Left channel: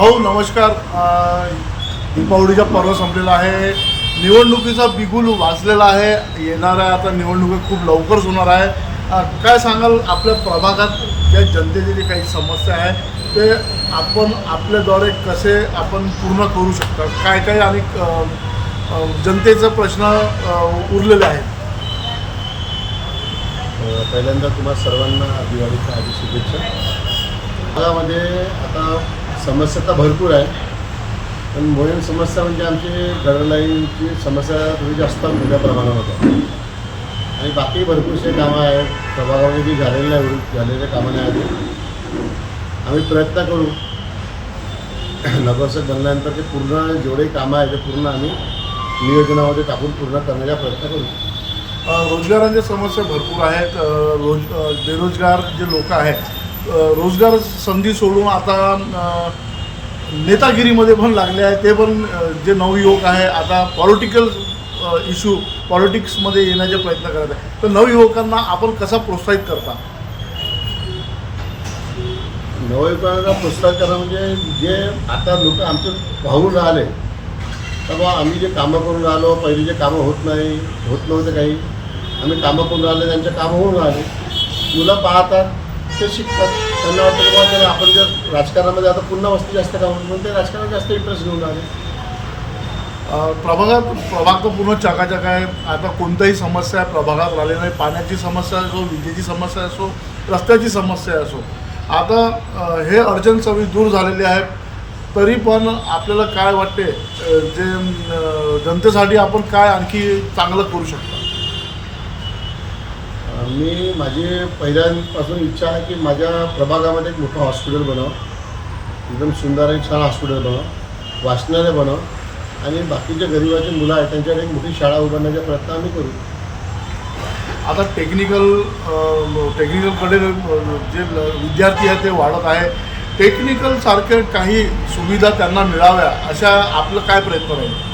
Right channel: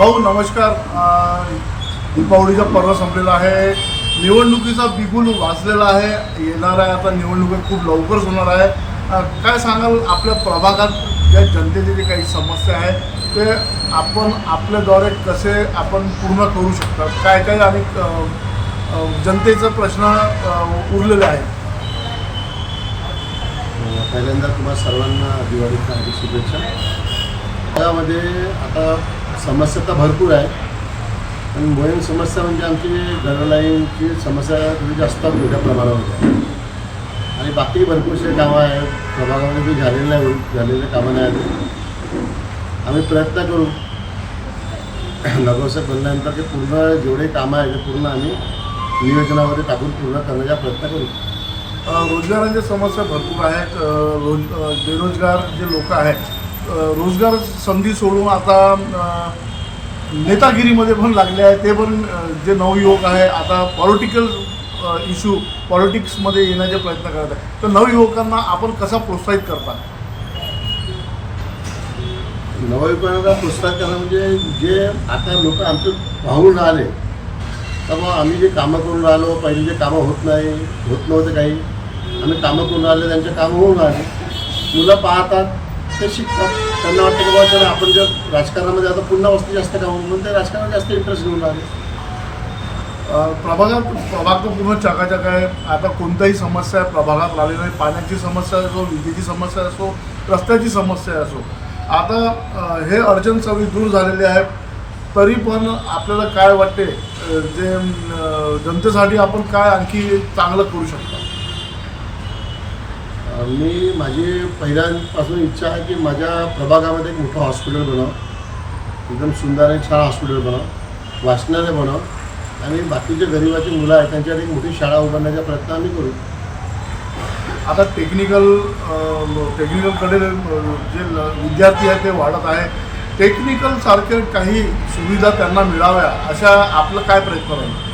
भाऊ नमस्कार. दीपावलीचा पर्व संपलेला आहे. निवडणुकीचा बिगुल वाजलेला आहे. येणाऱ्या आता निवडणुका खूप लवकरच होणार आहे. काय सांगाल आपल्या प्रभागात ज्या जनतेची जे काही समस्या आहे ते आपण आपल्याद्वारे कसे आपण पूर्ण करू शकता? काय काय आणि जनतेचा प्रश्न उरलेले आहेत. पहिल्यांदा तुम्हा सर्वांना दिवाळीच्या आधी शुभेच्छा. त्यामध्ये आता समस्या तर भरपूर आहे. पण मोहीम समस्या म्हणजे आमची घरलाईनची समस्या थोडी जास्त मोठ्या प्रमाणावर होत्या. आणि बाकी भरपूरसे कामं आहे प्रभागामध्ये जे झालेले आहे झालेले कामं नाही आहेत आम्ही प्रयत्न करू. नगरसेवक बनल्यानंतर ते पूर्ण जेवढे कामं आहे ते पूर्ण आम्ही नियोजनामध्ये टाकून पूर्ण करण्याचा प्रयत्न करू. रोजगारांच्या समस्या भरपूर आहेत. रोज बेरोजगार जे लोक आहेत रोजगार संधी सोडून आता नेतागिरीमध्ये पण लागले आहे. ते पण जे नवयुवक आहे आता पॉलिटिकल इश्यू पॉलिटिक्समध्ये येण्याचे प्रयत्न करत आहे. तर नवयुवकांना आपण कसा प्रोत्साहित करता? नवयुवकांना प्रोत्साहित करणं म्हणजे जे आता लोक आमचे पाहून राहिले का बा आम्ही जे कामं करून राहिलो पहिले जे कामं होत नाही होत नव्हते काही आम्ही कामं करून राहिले त्यांचे कामं होऊन राहिले. मुलं पाहतात ते शिकतात. त्यांना वाटतं की बाबा आपण जर राजकारणामध्ये आता पुन्हा वस्ती जास्त का म्हणून ते राजकारणात जास्त इंटरेस्ट घेऊन राहिले. प्रभागात प्रभाग तर पूर्ण चकाचक आहे. आता कोणत्याही समस्या प्रभागात राहिली नाही. पाण्याची समस्या असो विजेची समस्या असो रस्त्याची समस्या असो. आता हे अडचण सगळी दूर झालेली आहे. तरी पण आपल्याला काय वाटते? जे जनतेसाठी आपण काय आणखी चांगलं करू शकतो? मी माझी पहिल्यापासून इच्छा आहे की माझ्या प्रभागामध्ये एक मोठं हॉस्पिटल बनव. एकदम सुंदर आणि छान हॉस्पिटल बनव. वाचनालय बनव. आणि बाकीचे गरिबाची मुलं आहेत त्यांच्यासाठी एक मोठी शाळा उभारण्याचा प्रयत्न आम्ही करू. आता टेक्निकल टेक्निकलकडे जे ल- विद्यार्थी आहेत ते वाढत आहे. टेक्निकलसारखे काही सुविधा त्यांना मिळाव्या अशा आपलं काय प्रयत्न राहील?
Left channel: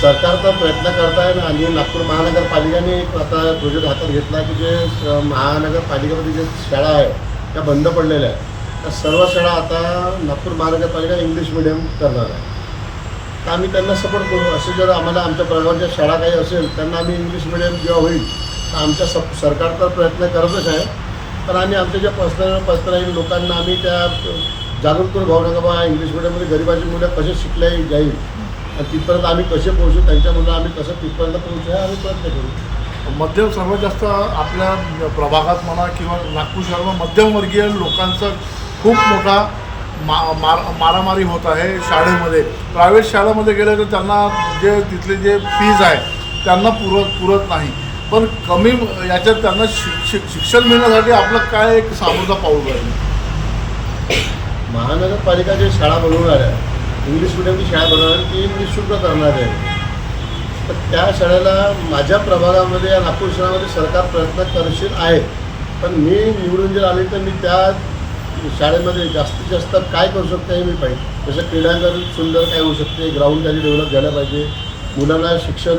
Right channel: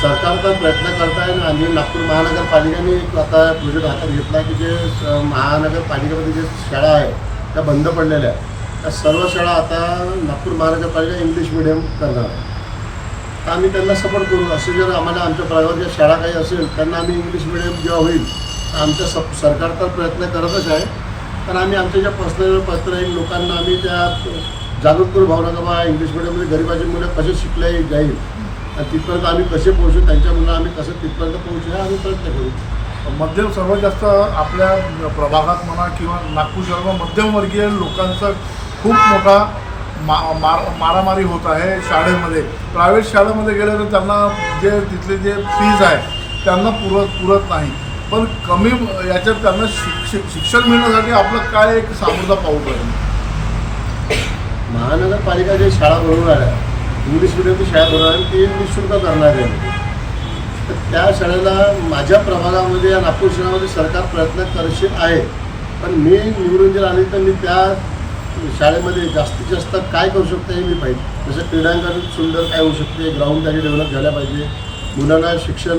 सरकार तर प्रयत्न करत आहे आणि नागपूर महानगरपालिकेने एक आता प्रोजेक्ट हातात घेतला आहे की जे महानगरपालिकेमध्ये जे शाळा आहे त्या बंद पडलेल्या आहेत. त्या सर्व शाळा आता नागपूर महानगरपालिका इंग्लिश मिडियम करणार आहे तर आम्ही त्यांना सपोर्ट करू. असे जर आम्हाला आमच्या प्रभागात शाळा काही असेल त्यांना आम्ही इंग्लिश मिडियम जेव्हा होईल तर आमच्या सप सरकार तर प्रयत्न करतच आहे. तर आम्ही आमच्या ज्या पर्सनल पर्सनल राहील लोकांना आम्ही त्या जागरूक करू. भावना का बा इंग्लिश मिडियममध्ये गरिबाची मुलं कसे शिकल्या जाईल? आणि तिथपर्यंत आम्ही कसे पोहोचू त्यांच्या मुलं आम्ही कसं तिथपर्यंत पोहोचू हे आम्ही प्रयत्न करू. मध्यम सर्वात जास्त आपल्या प्रभागात म्हणा किंवा नागपूर शहरात मध्यमवर्गीय लोकांचा खूप मोठा मा मार मारामारी होत आहे शाळेमध्ये. प्रायव्हेट शाळेमध्ये गेले तर त्यांना जे तिथले जे फीज आहे त्यांना पुरत पुरत नाही. पण कमी याच्यात त्यांना शिक शिक- शिक्षण मिळण्यासाठी आपलं काय एक सामोरचा पाऊल राहील? महानगरपालिका जे शाळा बनवून आल्या इंग्लिश मिडियमची शाळा बनवायला आणि ती निशुल्क करणार आहे? तर त्या शाळेला माझ्या प्रभागामध्ये या नागपूर शहरामध्ये सरकार प्रयत्न करशील आहे. पण मी निवडून जर आले तर मी त्या शाळेमध्ये जास्तीत जास्त काय करू शकतो हे मी पाहिजे. जसं क्रीडांगण सुंदर काय होऊ शकते ग्राउंड त्याचे डेव्हलप झाल्या पाहिजे. मुलांना शिक्षण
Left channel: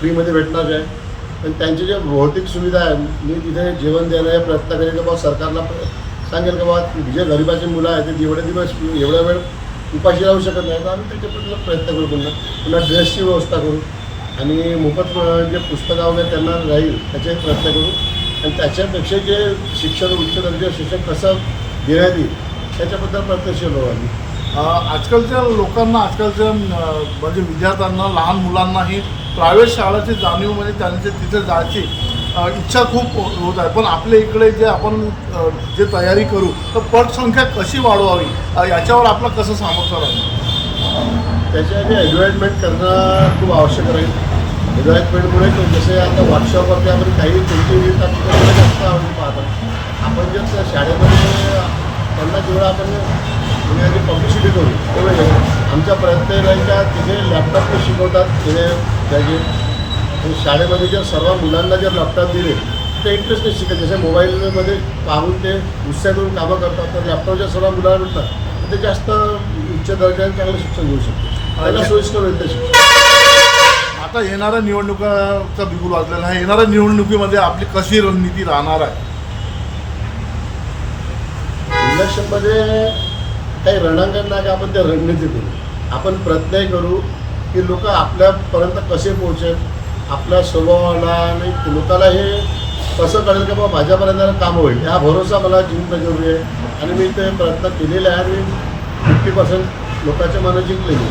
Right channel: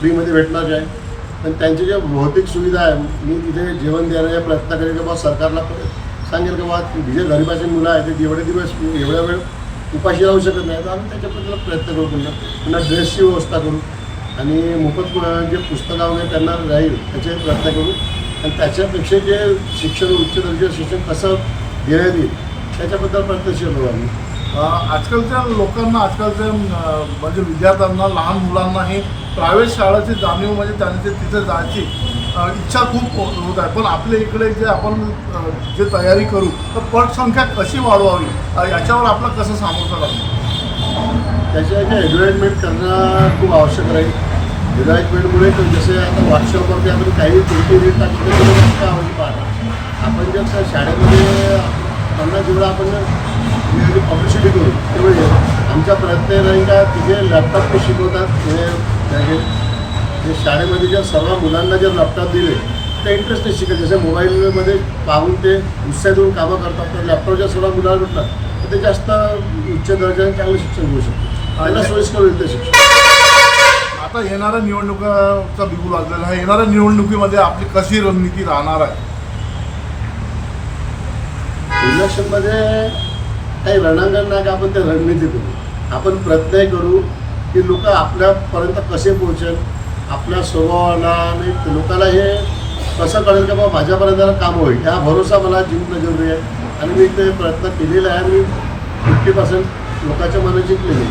फ्रीमध्ये भेटणार आहे. पण त्यांची ज्या भौतिक सुविधा आहे मी तिथे जेवण देण्याचा प्रयत्न करेन की बाबा सरकारला प- सांगेल की बाबा जे गरिबाची मुलं आहेत ते एवढे दिवस एवढ्या वेळ उपाशी राहू शकत नाही. तर आम्ही त्याच्याबद्दल प्रयत्न करू पुन्हा. पुन्हा ड्रेसची व्यवस्था करू. आणि मोफत जे पुस्तकं वगैरे त्यांना राहील त्याचे प्रयत्न करू. आणि त्याच्यापेक्षा जे शिक्षण उच्च दर्जाचं शिक्षण कसं देण्यात येईल त्याच्याबद्दल प्रयत्नशील राहू आम्ही. आजकालच्या लोकांना आजकालच्या म्हणजे विद्यार्थ्यांना लहान मुलांना हे प्रायव्हेट शाळेची जाणीव म्हणजे त्यांचे तिथे जायची इच्छा खूप होत आहे. पण आपल्या इकडे जे आपण जे तयारी करू तर पटसंख्या कशी वाढवावी? याच्यावर आपलं कसं सामर्थ्य राहील? त्याच्या जे ॲडव्हर्टाईजमेंट करणं खूप आवश्यक राहील. ॲडव्हर्टाईजमेंटमुळे ते जसे आता व्हॉट्सअपवरती आपण काही कोणती रील टाकली तर जास्त आवडली पाहतात. आपण जर त्या शाळेमध्ये त्यांना जेवढं आपण म्हणजे पब्लिसिटी करू तेवढं येईल आमचा प्रयत्न नाही राहील का तिथे लॅपटॉप ते शिकवतात तिथे त्याचे ते शाळेमध्ये जर सर्व मुलांना जर लॅपटॉप दिले ते इंटरेस्टने शिकेल. जसे मोबाईलमध्ये पाहून ते उत्साहित होऊन कामं करतात तर लॅपटॉप जर सर्व मुलांना भेटला तर ते जास्त उच्च दर्जाने चांगलं शिक्षण घेऊ शकते त्यांना सोयीस्कर होईल ते शिक्षण. आता येणाऱ्या निवडणुकाचा बिगुल वाजलेला आहे. येणाऱ्या निवडणुकीमध्ये आपली कशी रणनीती राहणार आहे? इलेक्शनमध्ये काही रणांगण नाही का आपण ते रणनीती करू. आपण प्रयत्नही करू की लोक आपल्यापर्यंत कसे पोहोचेल? आपल्या स्वभावाला आणि लोकाला हे कसं कळेल की बाबा माझ्यापर्यंत काम होईल? ह्या भरोसा मला जिंकणं जरुरी आहे. आणि मी ते प्रयत्न केलेले आहे आणि मी फिफ्टी पर्सेंट लोकांच्या मनं जिंकलेली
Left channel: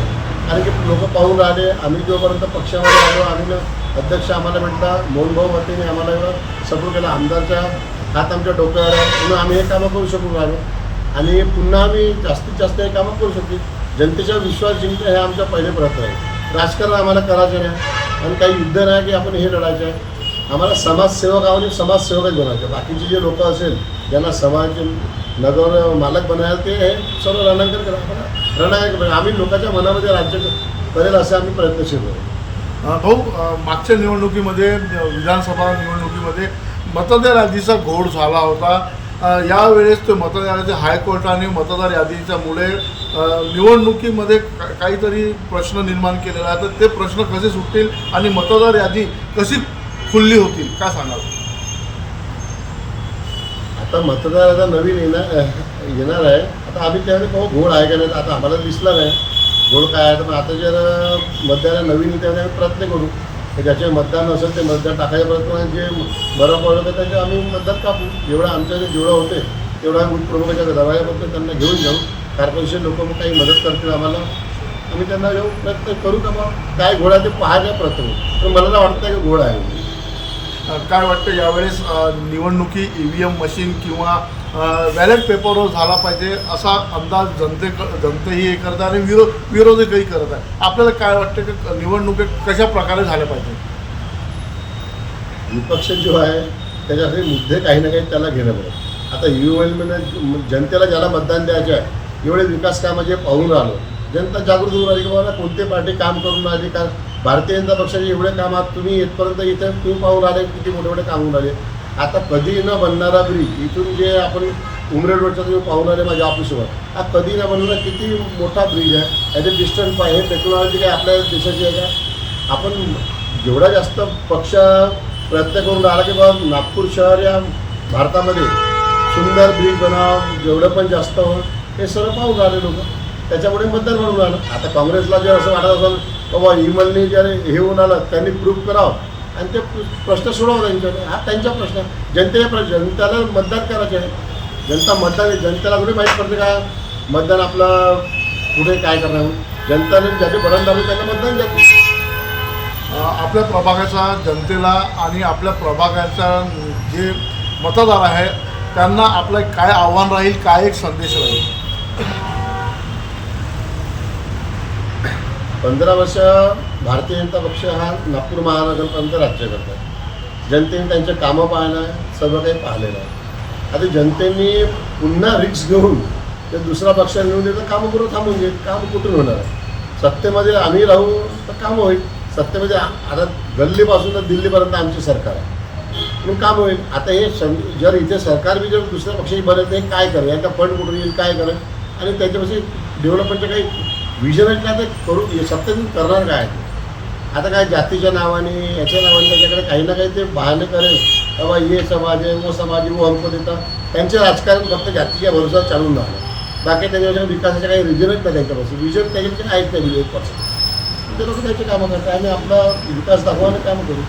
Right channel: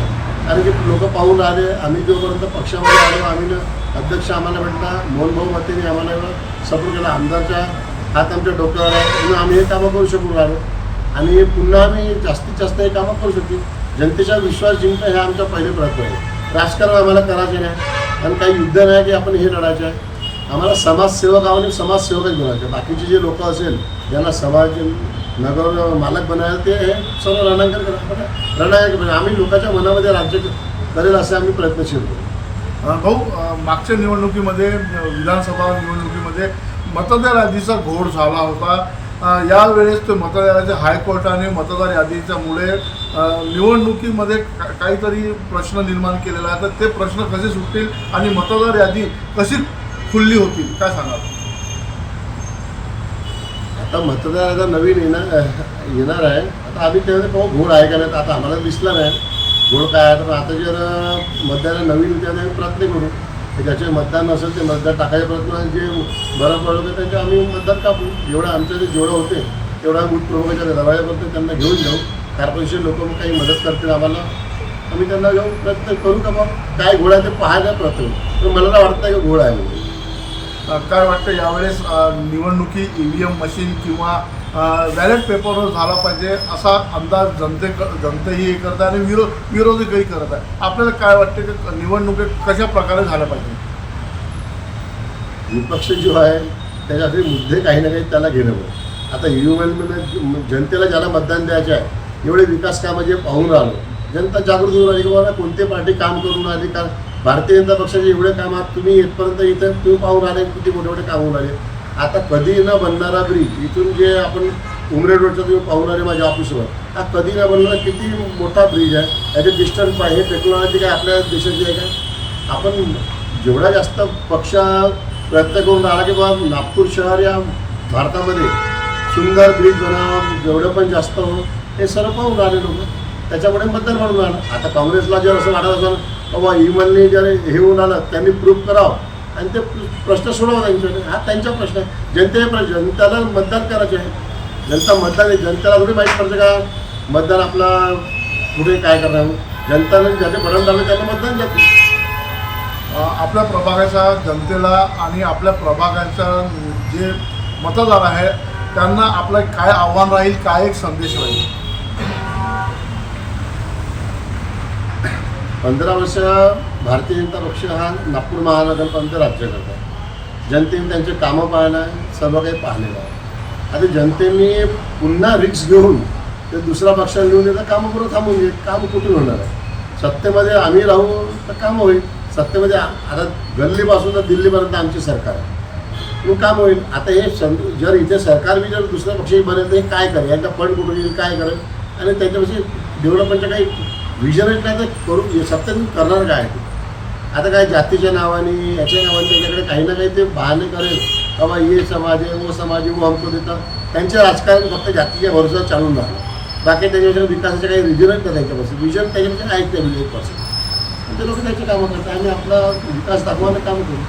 कारण की लोक पाहून राहिले आम्ही जोपर्यंत पक्षामध्ये आलो आम्ही अध्यक्ष आम्हाला भेटला मोहनभाऊ मतेने आम्हाला एवढं सपोर्ट केला. आमदारच्या हात आमच्या डोक्यावर आहे. म्हणून आम्ही हे कामं करू शकून राहिलो. आणि पुन्हा आम्ही जास्तीत जास्त हे कामं करू शकतील जनतेचा विश्वास जिंकणं हे आमचा पहिले प्रयत्न आहे. राजकारण आम्हाला करायचे नाही. आणि काही युद्ध नाही की आपण हे लढायचं आहे. आम्हाला समाजसेवक आहोत समाजसेवकच बनायचे बाकीचे जे लोक असेल ज्यांना समाज नगर मालक बनायला ते हे सर्व रणांकन करा. आपण रणांकन आम्ही लोकांच्या मनामध्ये राज्य करेल असे आम्ही प्रयत्नशील आहोत. भाऊ मागच्या निवडणुकीमध्ये विधानसभा निवडणुकीमध्ये मतदार यादीचा घोड झाला होता. यावेळेस ते मतदार हायकोर्टाने मतदार यादीच्यामुळे निवडणुकीमध्ये काहीतरी प्रश्न निर्माण केलेला आहे. तर ते प्रश्न कसे सुटतील आणि मतदार यादी कशी खुल्ली होतील? काय सांगाल? आता मतदार आता नवीन येणार येणार आहे. आता आम्ही त्यावेळेस बाबा घोड आहे का नाही तर आता आम्हाला दिसला नाही. घोड काय आहे? तर आता जर मतदार नवीन येते आम्ही प्रयत्न करू. ज्याचे मतदान नसेल ते मतदार टाकायचा प्रयत्न जे बरं पडलं तर त्याचे आम्ही मतदान कापू. जेवढं आमच्या जेवढं होते तेवढा आम्ही बूथ प्रमुखाच्या पडतो त्यांना घेऊन जाऊ. कार्पोरेशन लोक मग काही मदत करतील आम्हाला. आम्ही त्यांना जाऊ प्रयत्न करू का बा? काय घोड आहे ते पाहायचा प्रयत्न पण मला तर वाटत नाही की घोड आहे. म्हणून काय वाटतं यावेळेस निवडणुकी ई व्ही एम मशीन किंवा बॅलेट पेपरवर झाला पाहिजे असा अंदाज जनते जनतेही हे करत आहे आणि विरो विरोधकही करत आहे. आपल्याला काय वाटतं की निवडणुकी कशा प्रकारे झाल्या पाहिजे? विपक्ष जो आहे त्याच्यासाठी मुद्दे काही ना काही त्याला घेणं पडत. आता यू एल जनतेला ज्याला मतदान द्यायचे आहे एवढे विकास कामं जे पाहून राहिलो जनता जागृत होऊन राहिली की बाबा कोणते पार्टी काम करून राहिली? का भारतीय जनता पक्षाचे एवढे काम आहात तुम्ही येतपर्यंत इथं तुम्ही पाहून राहिले किती मोठे मोठे काम होऊन राहिले. आता कधी न बनणारा ब्रिज इथून जे आपण उमरेड रोडचा तुम्ही पाहून आले माझ्या ऑफिसवर हा कधी न बनणारा किती मोठा ब्रिज आहे याचे डिस्टन्स पाय हे टेक्नॉलॉजी काय आपल्या देशाची आहे का आपण जेवढा जास्त पक्ष प्रयत्न करून राहिला की बाबा नागपूर शहर या भारतामध्ये सुंदर ब्रिज बनाव जेवढं पण जास्त हो हे सर्व पाहून राहिले लोक. त्याच्यामुळे मतदार म्हणून राहिलं आता काँग्रेसला जर असं वाटत असेल बाबा इमलनी जर हे होऊन आलं त्यांनी प्रूफ करावं. आणि ते प्रश्न सोडवा त्यांच्याने हा त्यांचा प्रश्न आहे. जनतेने प्र जनतेला मतदान करायचे आहे. जनता मतदान जनतेला थोडी माहीत पडते का? मतदान आपलं पुढे काय करणार म्हणून. जनताने ज्याचे बटन दाबले त्यांना मतदान जाते आपल्या प्रभागाच्या जनतेला आणि आपल्या प्रभागाच्या जे मतदार आहे त्यांना आपलं काय आव्हान राहील काय एक संदेश राहील? पंधरा वर्ष भारतीय जनता पक्ष हा नागपूर महानगरपर्यंत राज्य करतो. जनतेने त्यांचे कामं पाहणं आहे सर्व काही पाहिलेलं आहे. आता जनतेने पुन्हा रिक्स घेऊन ते दुसरा पक्षाला लिहून देतं कामं पुरं थांबून घे काम कुठून होणार आहे? सत्तेमध्ये आम्ही राहू तर कामं होईल. सत्तेमध्ये आता गल्लीपासून तर दिल्लीपर्यंत आमची सरकार आहे. म्हणून काम होईल. आता हे सं जर इथे सरकार बी जर दुसऱ्या पक्षाची बनेल तर हे काय करेल? याचा फंड कुठून येईल काय करेल? आणि त्याच्यापाशी डेव्हलपमेंटचं काही विजनच काय तर करू हे सत्तेतून करणार काय ते? आता काय जातीच्या नावाने याच्या नावाने त्याच्याकडे काही ना काही ते बहाणे करेल. बाबा ये समाज आहे वो समाज आहे वो हमको देतं. त्यांचे राजकारण फक्त जातीच्या भरोसा चालून राहणार बाकी त्याच्यापेक्षा विकासाचे काही रिजनच नाही त्यांच्यापासून विजन त्याच्यापेक्षा आहेत त्या एक पर्सेंट ते लोक त्याचे कामं करतात आणि आपला विकास दाखवण्याचे कामं करू.